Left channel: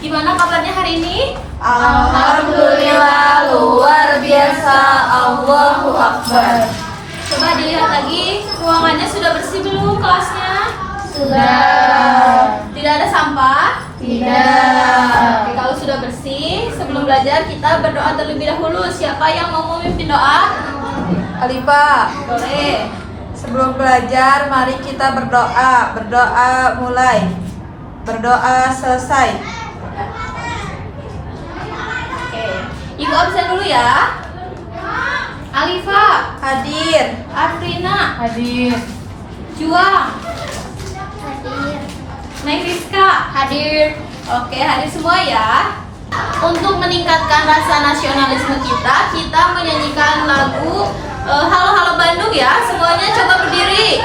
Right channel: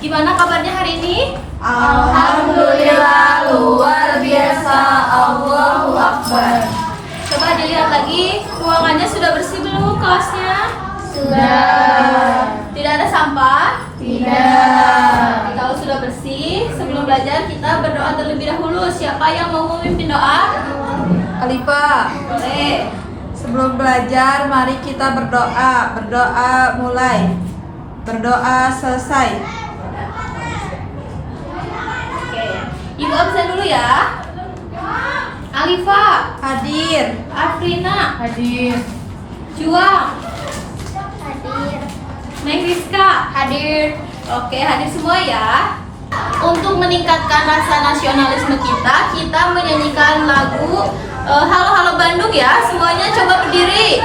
Gimana kabarnya hari ini? Alhamdulillah, luar biasa. Allahu Akbar. Coba dilihat lagi, ruangannya sudah bersih belum kelasnya? Sudah. Tidak ada sampah? Tidak. Oke, kalau sudah bersih, sebelum belajar kita berdoa terlebih dahulu. Siapa yang mau memimpin doa? Khalifah, Boleh. sebelum belajar mari kita berdoa. Berdoa mulai. Berdoa selesai. Oke, Ibu absen dulu ya. Alifa, Hadir. Afrina, Hadir. Juang, Neng Rizka, hadir. Oke, hadir semua ya. Untuk meningkatkan rasa nasionalisme kita menyanyikan lagu Halo Halo Bandung ya. Semuanya coba berdiri.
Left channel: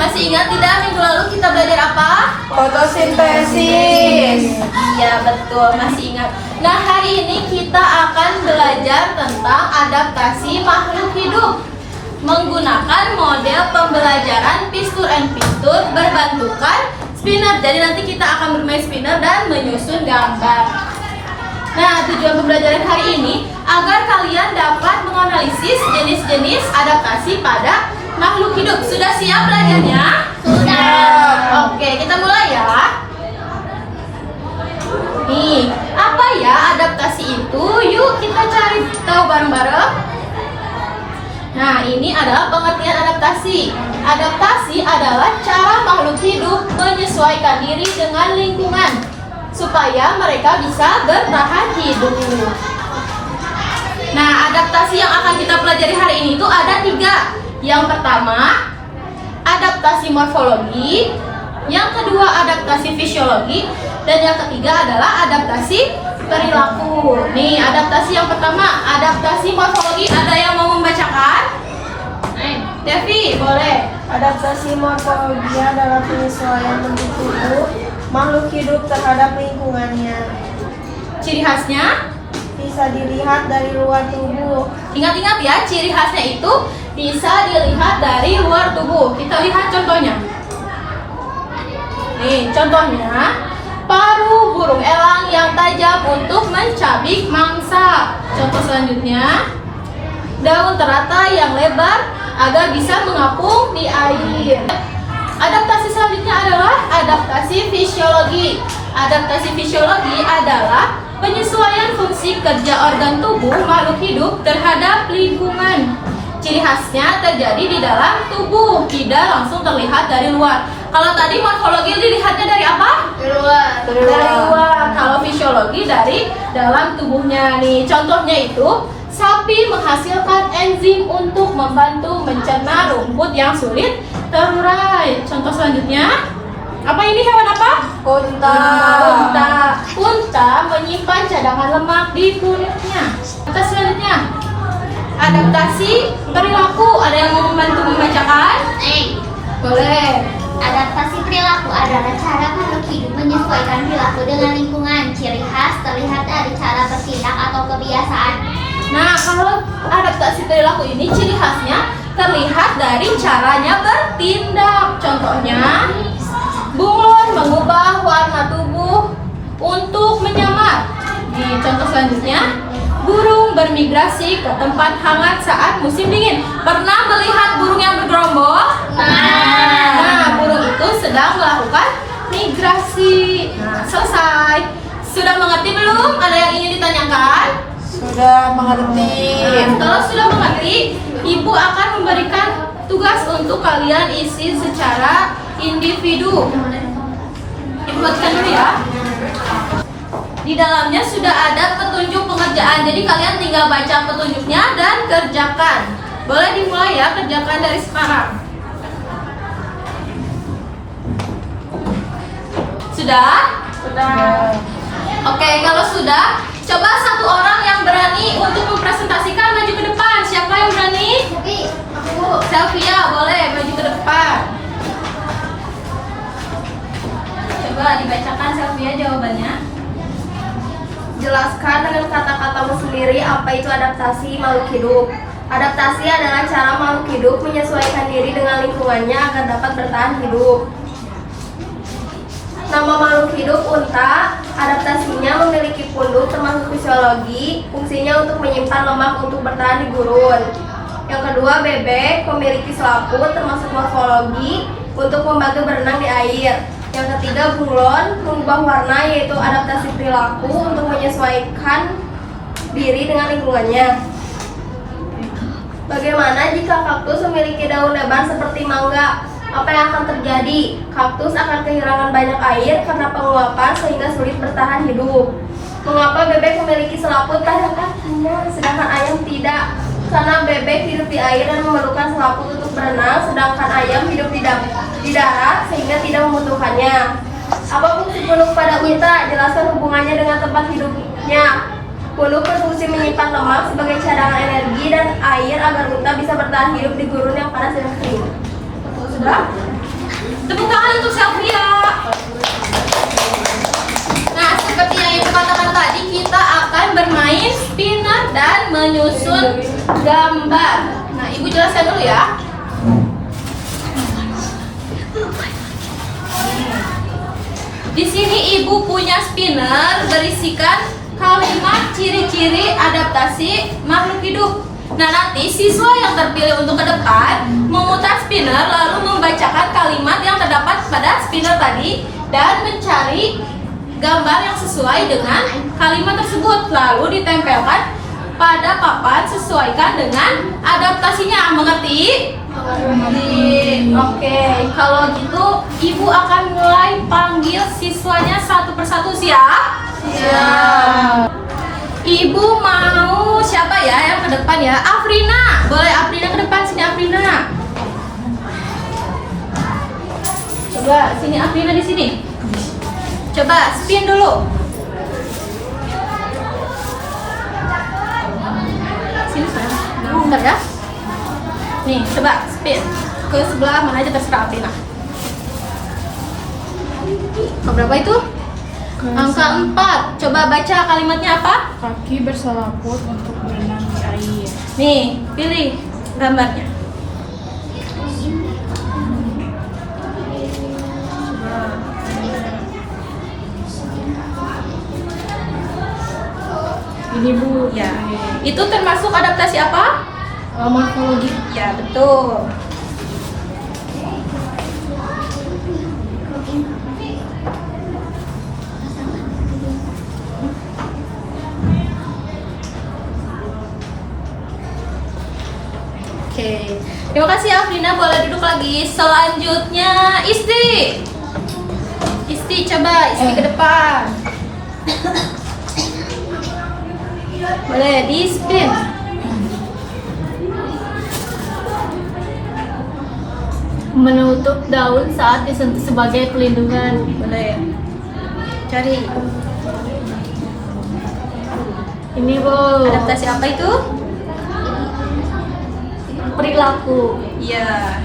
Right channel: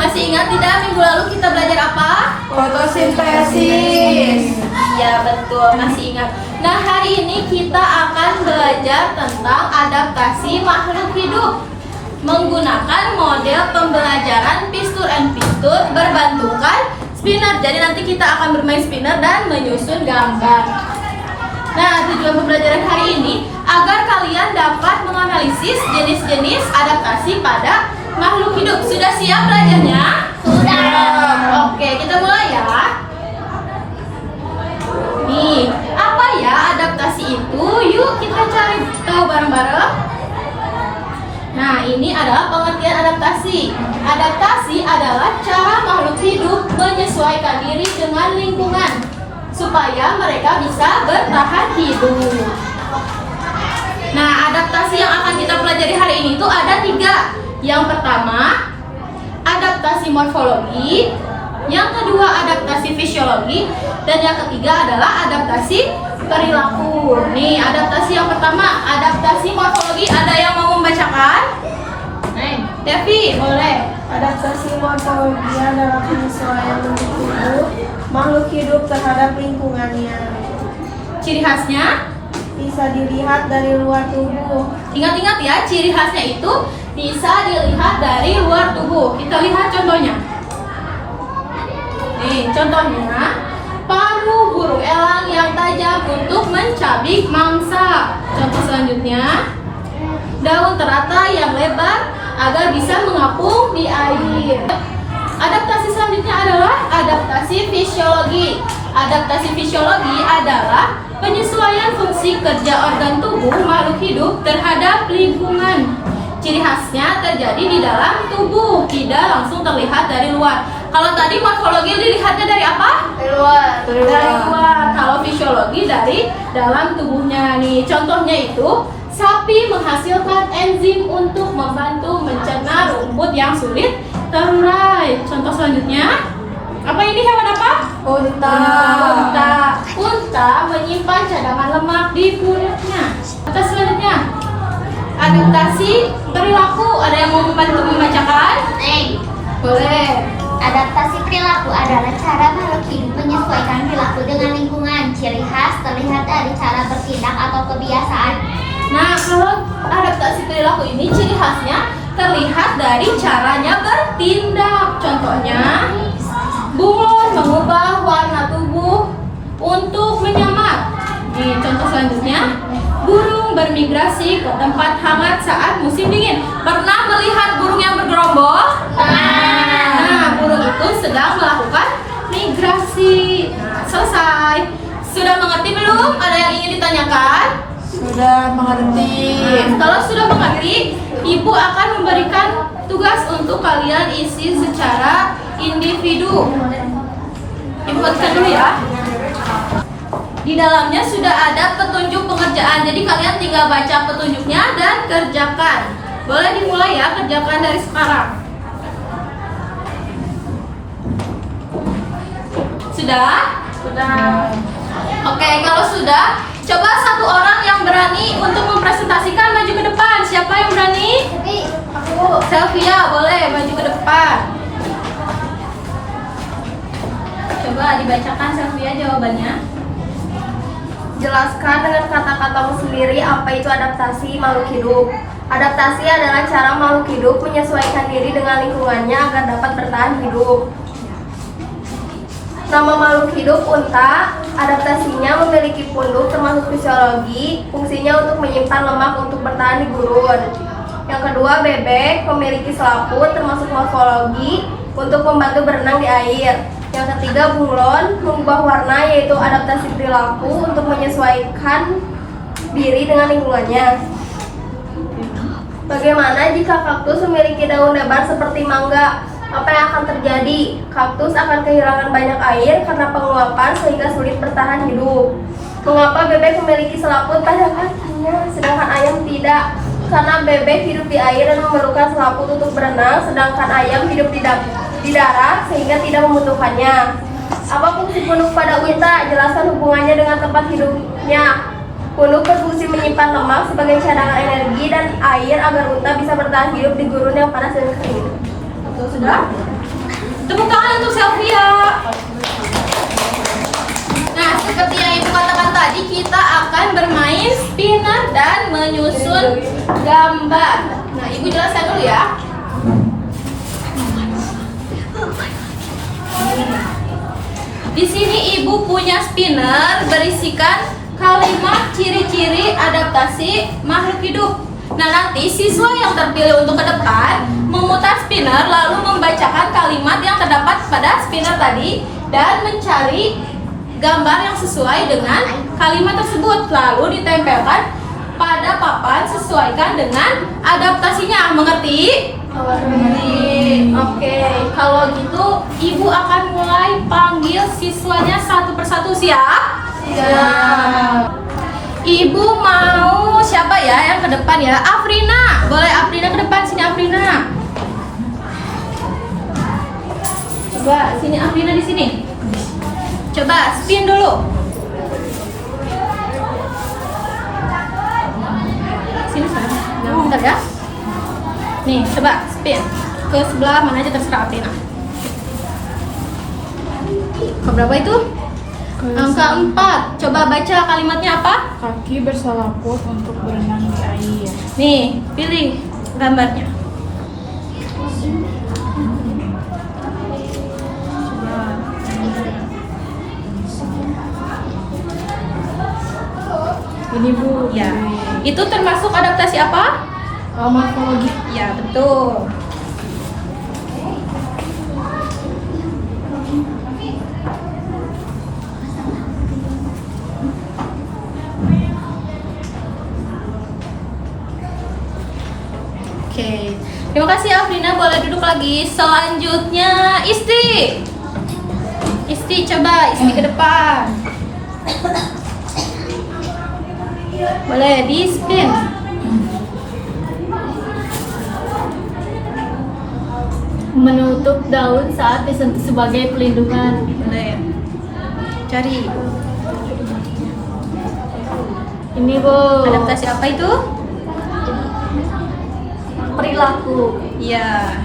Masih ingat tidak minggu lalu kita belajar apa? Fotosintesis. Iya betul, masih ingat. Nah hari ini kita akan belajar tentang adaptasi makhluk hidup menggunakan model pembelajaran pistur and pistur berbantukan spinner. Jadi nanti kita akan bermain spinner dan menyusun gambar. Nah tujuan pembelajaran hari ini agar kalian dapat menganalisis jenis-jenis adaptasi pada makhluk hidup. Sudah siap belajarnya? Ya. Oke, kita mulai ya. Nih, apa ya adaptasi itu? Yuk kita cari tahu bareng-bareng. Nah, ini adalah pengertian adaptasi. Adaptasi adalah cara makhluk hidup menyesuaikan diri dengan lingkungan supaya mereka bisa bertahan hidup. Nah, adaptasi yang akan kita pelajari hari ini itu ada 3. Yang pertama, adaptasi morfologi. Yang kedua, adaptasi fisiologi. Dan yang ketiga adalah adaptasi perilaku. Nih, adaptasi yang pertama, adaptasi morfologi. Ada yang mau membacakan? Devi, boleh. Adaptasi morfologi adalah penyesuaian makhluk hidup terhadap lingkungannya. Ciri khasnya? Bisa dilihat dari luar tubuh. Ingat-ingat ya, ciri khasnya itu bisa dilihat dari luar tubuh. Kita lihat contohnya. Nih, contohnya paruh burung elang yang tajam untuk mencabik mangsa. Contoh selanjutnya, daun teratai yang lebar agar bisa mengapung di air. Adaptasi selanjutnya adalah adaptasi fisiologi. Adaptasi fisiologi adalah penyesuaian fungsi kerja organ tubuh makhluk hidup terhadap lingkungan. Ciri khasnya terjadi di dalam tubuh, tidak langsung terlihat dari luar. Kalau tadi morfologi dilihatnya dari apa? Dari luar. Dari luar. Kalau fisiologi dari dalam tubuhnya. Nih, contohnya itu sapi menghasilkan enzim untuk membantu mencerna rumput yang sulit terurai. Contoh selanjutnya, apa ini hewan apa? Unta. Unta. Unta menyimpan cadangan lemak di perutnya. Contoh selanjutnya, adaptasi perilaku. Ada yang mau membantu membacakan? Boleh. Adaptasi perilaku adalah cara makhluk hidup menyesuaikan perilaku dengan lingkungan. Ciri khas terlihat dari cara bertindak atau kebiasaan. Nah, kalau adaptasi perilaku ini ciri khasnya terlihat dari caranya bertindak. Contohnya, bunglon mengubah warna tubuh untuk menyamar. Nih, contoh selanjutnya, burung bermigrasi ke tempat hangat saat musim dingin. Pernah melihat burung yang bergerombol? Nah, burung itu sedang melakukan migrasi. Nah, selesai. Sudah mengerti belum? Ada yang ingin ditanyakan? Sudah mengerti. Kalau sudah mengerti, ibu akan memberikan tugas untuk kalian isi secara individu. Ibu bacakan dulu ya. Di dalamnya sudah ada petunjuk pengerjaan, jadi kalian tinggal baca petunjuknya dan kerjakan. Boleh dimulai ya, kerjakan dari sekarang. Sudah? Sudah. Oke, kalau sudah, coba satu orang yang berani untuk mempresentasikan maju ke depan. Siapa yang berani? Selvia, boleh maju ke depan. Coba dibacakan Selvia jawabannya. Jelaskan dengan kata-katamu sendiri apa itu adaptasi makhluk hidup. Adaptasi adalah cara makhluk hidup menyesuaikan diri dengan lingkungannya agar dapat bertahan hidup. Nama makhluk hidup unta, adaptasinya memiliki punduk termasuk fisiologi, fungsinya untuk menyimpan lemak untuk bertahan di gurun. Yang kedua, bebek memiliki selaput termasuk morfologi untuk membantu berenang di air. Yang ketiga, bunglon mengubah warna yaitu adaptasi perilaku untuk menyesuaikan diri dengan lingkungannya. Bagaimana jika kaktus memiliki daun lebar seperti mangga? Apa yang akan terjadi? Kaktus akan kehilangan banyak air karena penguapan sehingga sulit bertahan hidup. Mengapa bebek memiliki selaput pada kakinya sedangkan ayam tidak? Karena bebek hidup di air dan memerlukan selaput untuk berenang, sedangkan ayam hidup di darat sehingga tidak membutuhkannya. Apa fungsi punduk pada unta? Jelaskan hubungannya dengan tempat hidupnya. Punduk berfungsi menyimpan lemak sebagai cadangan energi dan air agar unta bisa bertahan hidup di gurun yang panas dan kering. Sudah? Tepuk tangan untuk Selvia. Nah, seperti yang ibu katakan tadi, kita akan bermain spinner dan menyusun gambar. Nah, ibu jelaskan dulu ya. Di sini ibu punya spinner berisikan kalimat ciri-ciri adaptasi makhluk hidup. Nah, nanti siswa yang terpilih untuk ke depan memutar spinner lalu membacakan kalimat yang terdapat pada spinner tadi dan mencari gambar yang sesuai dengan kalimat tersebut lalu ditempelkan pada papan sesuaikan dengan adaptasinya. Mengerti? Oke, kalau gitu ibu akan mulai panggil siswanya satu persatu. Siap? Siap. Ibu mau siapa ya yang ke depan ya? Afrina, boleh Afrina ke depan. Sini Afrina. Coba sini Afrina di sini. Coba spin dulu. Sini sekarang. Nah, bentar ya. Nih, coba spin ke sebelah mana aja terserah Afrina. Ke berapa itu? Angka 4. Coba baca kalimatnya apa? Kaki berselaput untuk berenang di air. Nih, pilih gambarnya. Ini Bu. Ya. Itu termasuk adaptasi apa? Morfologi. Ya, betul. Oke, terima kasih Afrina, boleh duduk lagi. Selanjutnya Isti. Isti, coba Isti ke depan. Boleh di spin. Menutup daun saat disentuh sebagai pelindungan. Boleh. Cari. Ini Bu. Adaptasi apa itu? perilaku. Iya.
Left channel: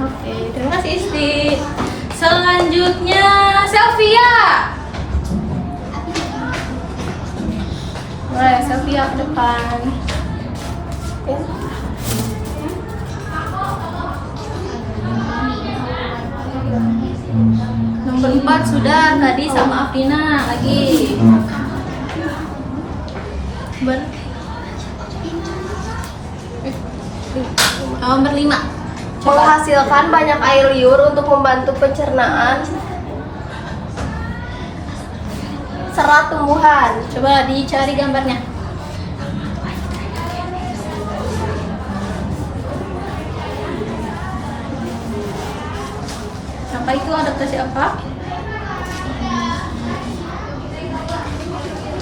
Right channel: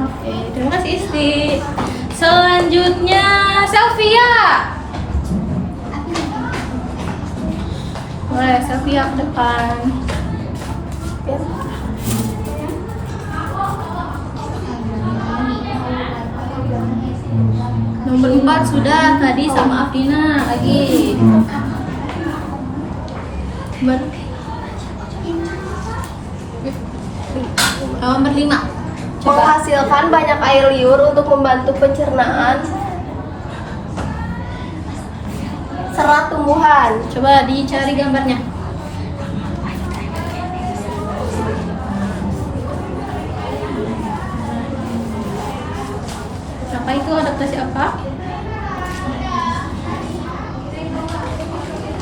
Oke, terima kasih Isti. Selanjutnya Selvia. Boleh Selvia ke depan. Nomor 4 sudah tadi sama Afrina lagi. Nomor 5. Menghasilkan banyak air liur untuk membantu pencernaan serat tumbuhan. Coba dicari gambarnya. Apa itu adaptasi apa?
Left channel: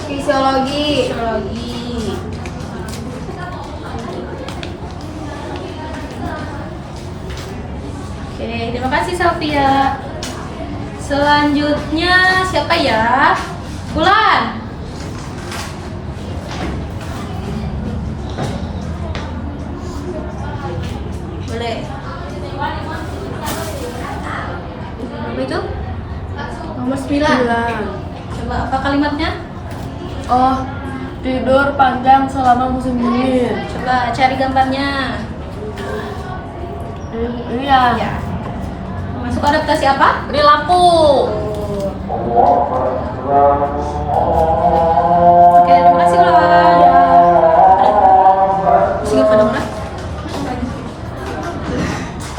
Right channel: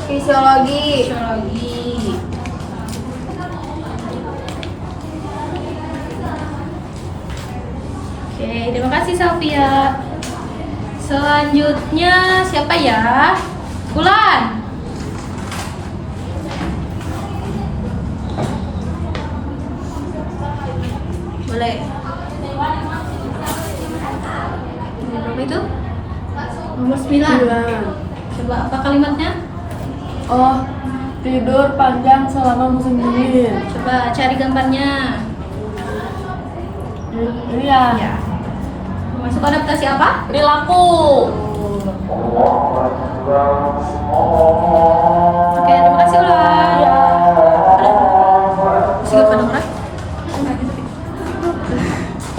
Fisiologi. Fisiologi. Oke, terima kasih Sofia. Selanjutnya siapa ya? Bulan. Boleh. Berapa itu? Nomor 9. Coba apa kalimatnya? Oh, tidur panjang selama musim dingin. Coba cari gambarnya. Iya. Ya. Masuk adaptasi apa? Perilaku. Oke, terima kasih Bulan. Masih ke Dora?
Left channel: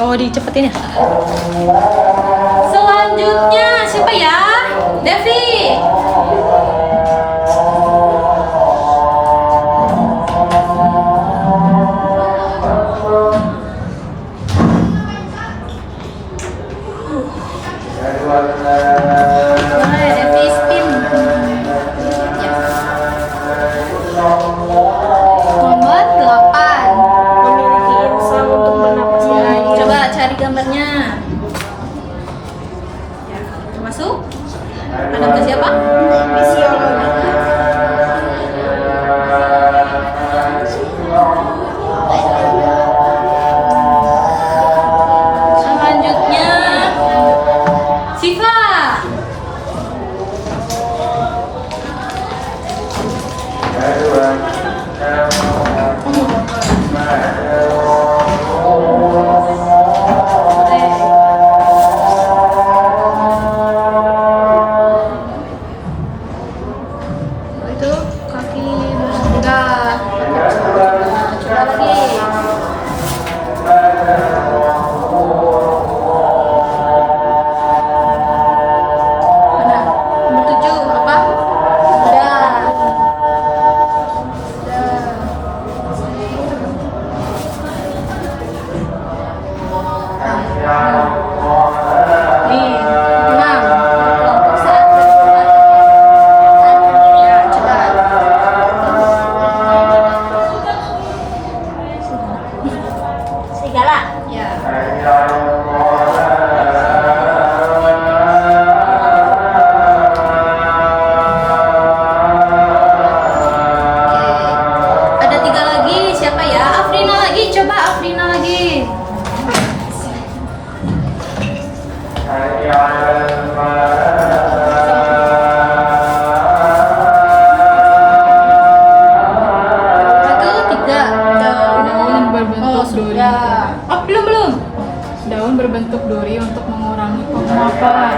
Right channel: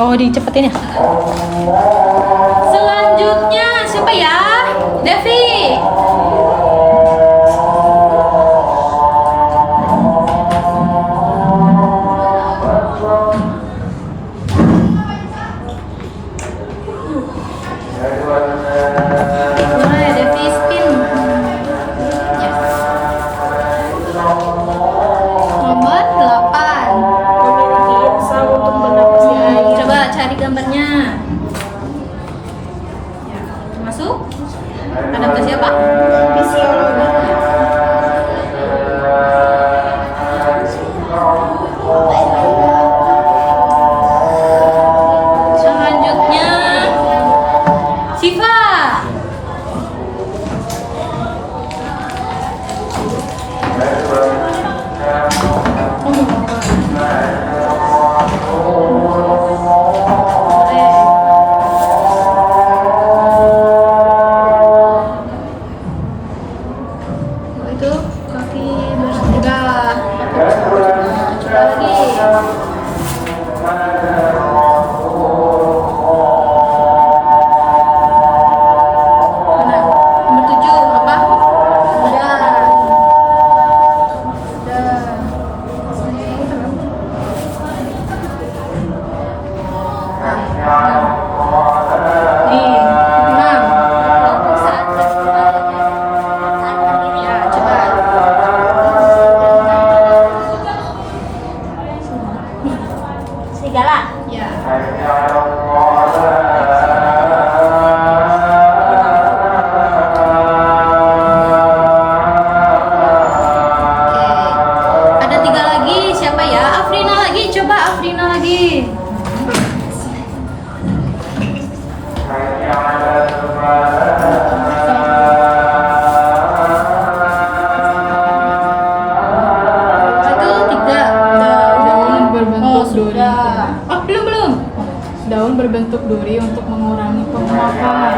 Oh, dicepetin ya. Selanjutnya siapa ya? Devi. Boleh, Devi spin. Ya. Nomor 8. Memiliki insang untuk bernapasi air. Coba cari gambarnya. Ya, termasuk adaptasi apa? Fisiologi. Selanjutnya Siva. Itu kaki bertiga. Coba lagi. Mana? Nomor 7 apa? Udah. Nih, 6. Kelompok saat bersuara saat berdiri. Ya, coba. Serigala. Ya. Oke. Ada 3 lagi. Siapa ya? Afrina lagi. Coba Afrina lagi. Itu 3. Daun berbentuk duri. Oh, belum. Daun berbentuk duri untuk mengurangi penguapan.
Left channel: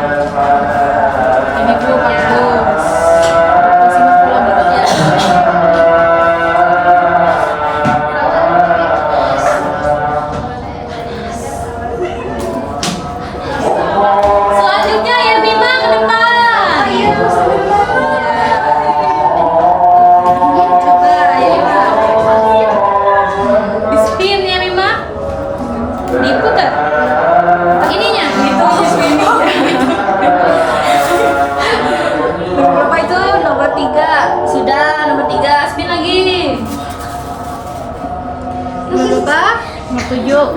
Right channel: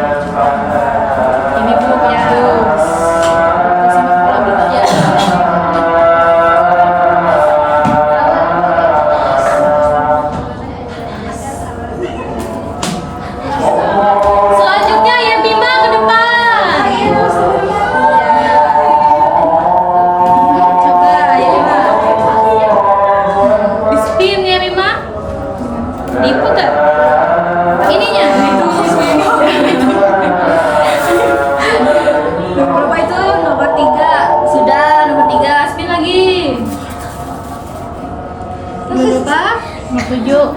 Ini Bu kaktus. Adaptasi morfologi. Ya. Selanjutnya ya Bima ke depan. Ya. Coba ya Bima. Di spin ya Bima. Diputar. Ininya. Nomor berapa itu? Nomor 3. Sudah, nomor 3. Spin lagi. Nomor berapa? Nomor 7.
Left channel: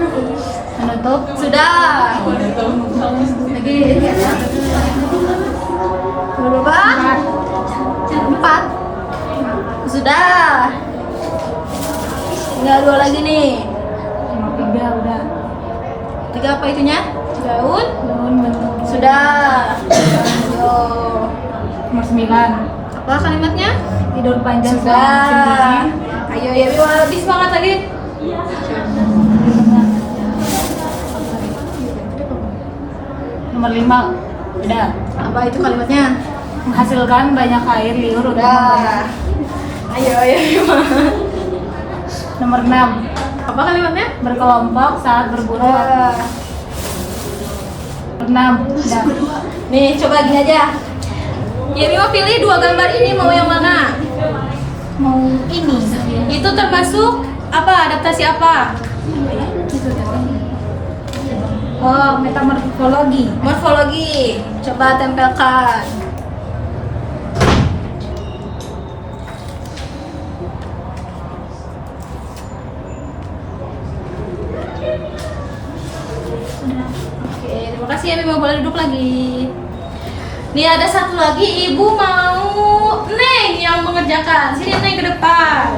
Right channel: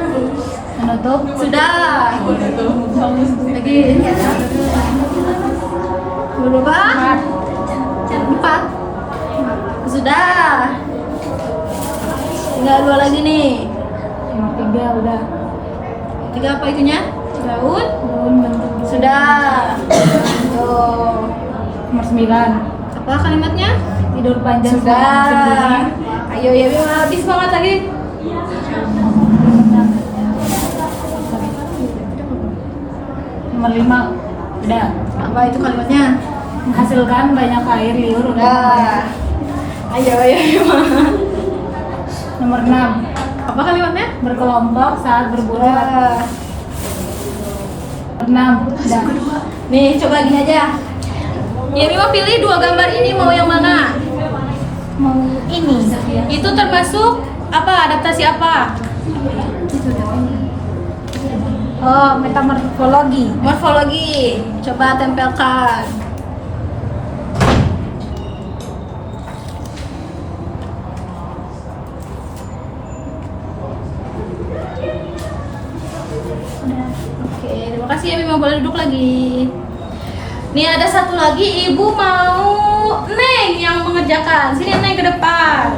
Menutup. Sudah. Lagi. Nomor berapa? sudah. Tinggal 2 lagi nih. Nomor 3 udah. 3 apa itunya? Daun. Daun bentuk Sudah. Yo. Nomor 9. Apa kalimatnya? Tidur panjang selama Sudah. musim dingin. Ayo ya, Bima, lebih semangat lagi. Nomor 5 udah. Apa itu kalimatnya? Menghasilkan banyak air liur untuk Udah. Ayo, Bima. Nomor 6 Apa kalimatnya? berkelompok saat berburu. Udah. 6 udah. Nih, coba gini aja. Ya, Bima pilih 2 gambar ini, mau yang mana? Mau ini. Itu termasuk apa? Adaptasi apa? Oh, metamorfologi. Morfologi. Coba tempelkan. Oke, terima kasih ya Bima, boleh duduk lagi. Nih ada satu lagi, Ibu mau Neng yang mengerjakan. Sini Neng ke depan.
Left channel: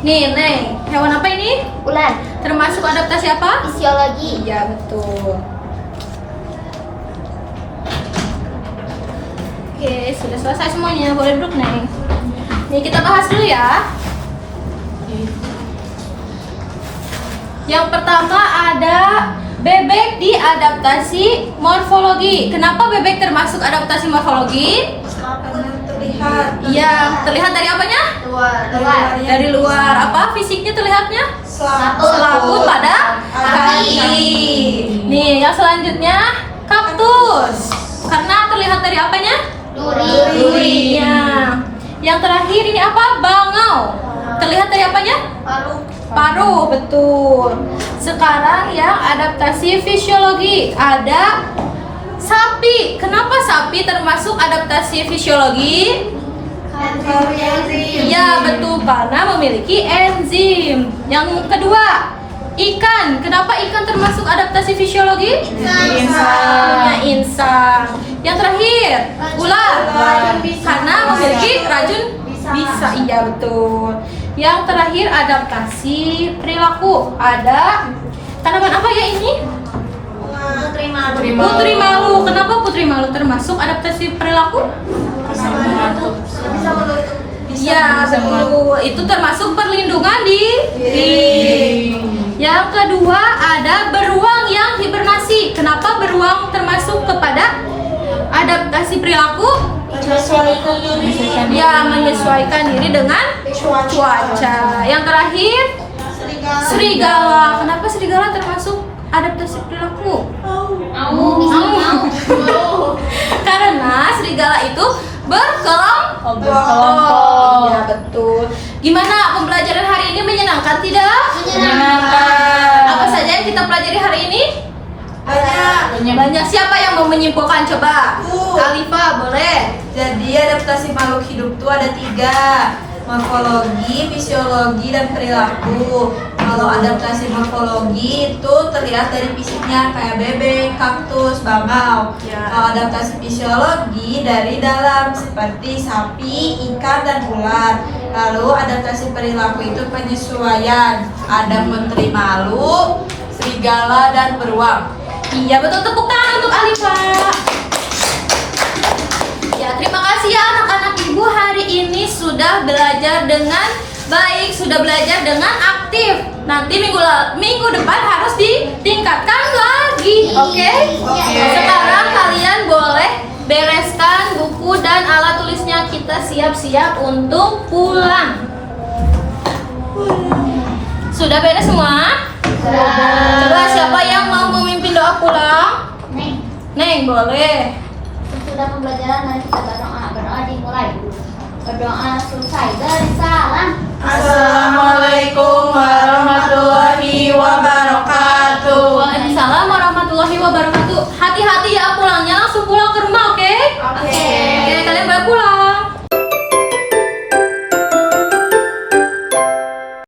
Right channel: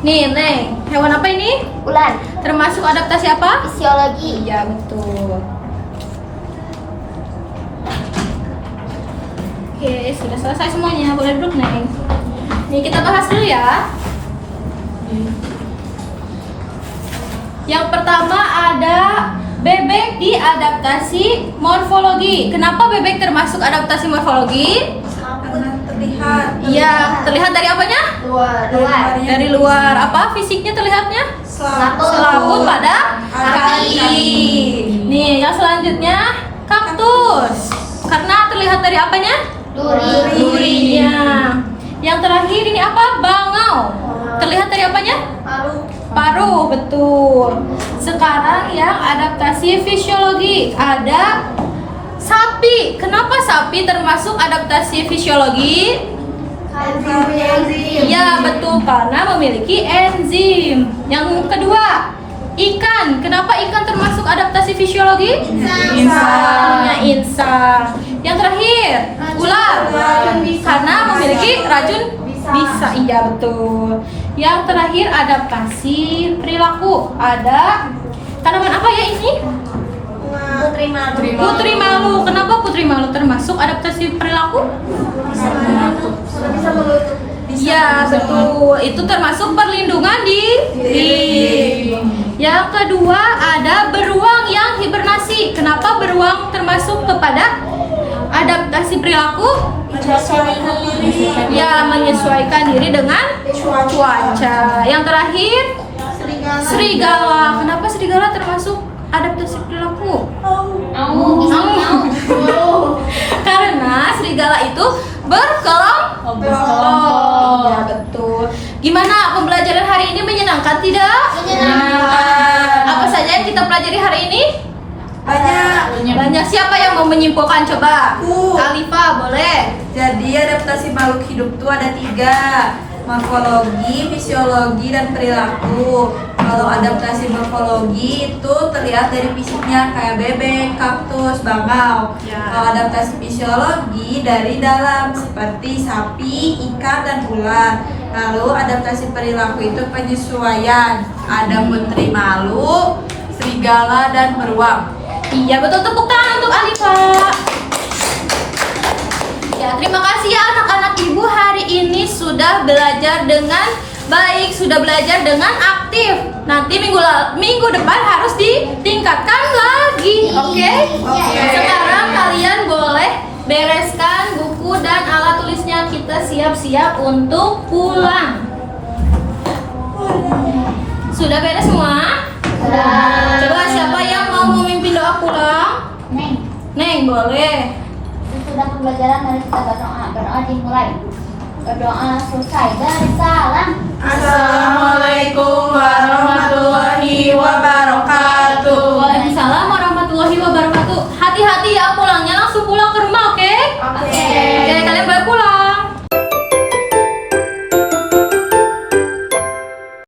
Nih Neng, hewan apa ini? Ular. Termasuk adaptasi apa? Fisiologi. Iya betul. Oke, sudah selesai semuanya. Boleh duduk Neng. Nih kita bahas dulu ya. Yang pertama ada bebek di adaptasi morfologi. Kenapa bebek termasuk adaptasi morfologi? Karena terlihat Iya, terlihat dari apanya? luar. Dari luar. Apa fisiknya terlihatnya? Selaput pada kaki. Nih, yang selanjutnya kaktus. Karena terlihat dari apanya? Durinya. Yang terakhir ini apa? Bangau. Terlihat dari apanya? Paruh, betul. Sekarang yang adaptasi fisiologi ada sapi. Kenapa sapi termasuk adaptasi fisiologi? Ya, betul, karena memiliki enzim. Yang kedua, ikan. Kenapa ikan termasuk adaptasi fisiologi? Punya insang. Yang terakhir, ular. Karena memiliki racun bisa. Iya, betul. Yang terakhir adaptasi perilaku. Ada tanaman apa ya ini? Putri malu. Kenapa putri malu termasuk adaptasi perilaku? Ya betul, itu termasuk perlindungan diri. Yang kedua ada beruang yang hibernasi. Kenapa beruang termasuk kepada adaptasi perilaku? Ya, menyesuaikan diri dengan cuaca. Yang terakhir serigala. Kenapa serigala termasuk adaptasi perilaku? Karena serigala itu berkelompok. Iya betul. Gimana pembelajaran hari ini, menyenangkan tidak? Menyenangkan. Apa saja yang kita pelajari hari ini? Banyak. Banyak. Siapa yang mau menyimpulkan? Coba. Aku. Alifah, boleh. Jadi adaptasi makhluk hidup itu ada 3: morfologi, fisiologi, dan perilaku. Kalau adaptasi morfologi itu terlihat dari fisiknya kayak bebek, kaktus, bangau. Ya. Kalau adaptasi fisiologi dari dalam seperti sapi, ikan, dan ular. Lalu adaptasi perilaku itu penyesuaian. Ada putri malu, serigala, dan beruang. Iya betul, tepuk tangan untuk Alifah. Ya, terima kasih ya anak-anak ibu, hari ini sudah belajar dengan baik, sudah belajar dengan aktif. Nanti minggu depan harus ditingkatkan lagi, oke? Sekarang kalian boleh bereskan buku dan alat tulisnya, kita siap-siap untuk pulang. Sudah beres semua? Coba siapa yang mau memimpin doa pulang? Neng, boleh. Sudah pembelajaran, mari kita berdoa. Berdoa dimulai. Berdoa selesai. Bersalam. Assalamualaikum warahmatullahi wabarakatuh. Waalaikumsalam warahmatullahi wabarakatuh.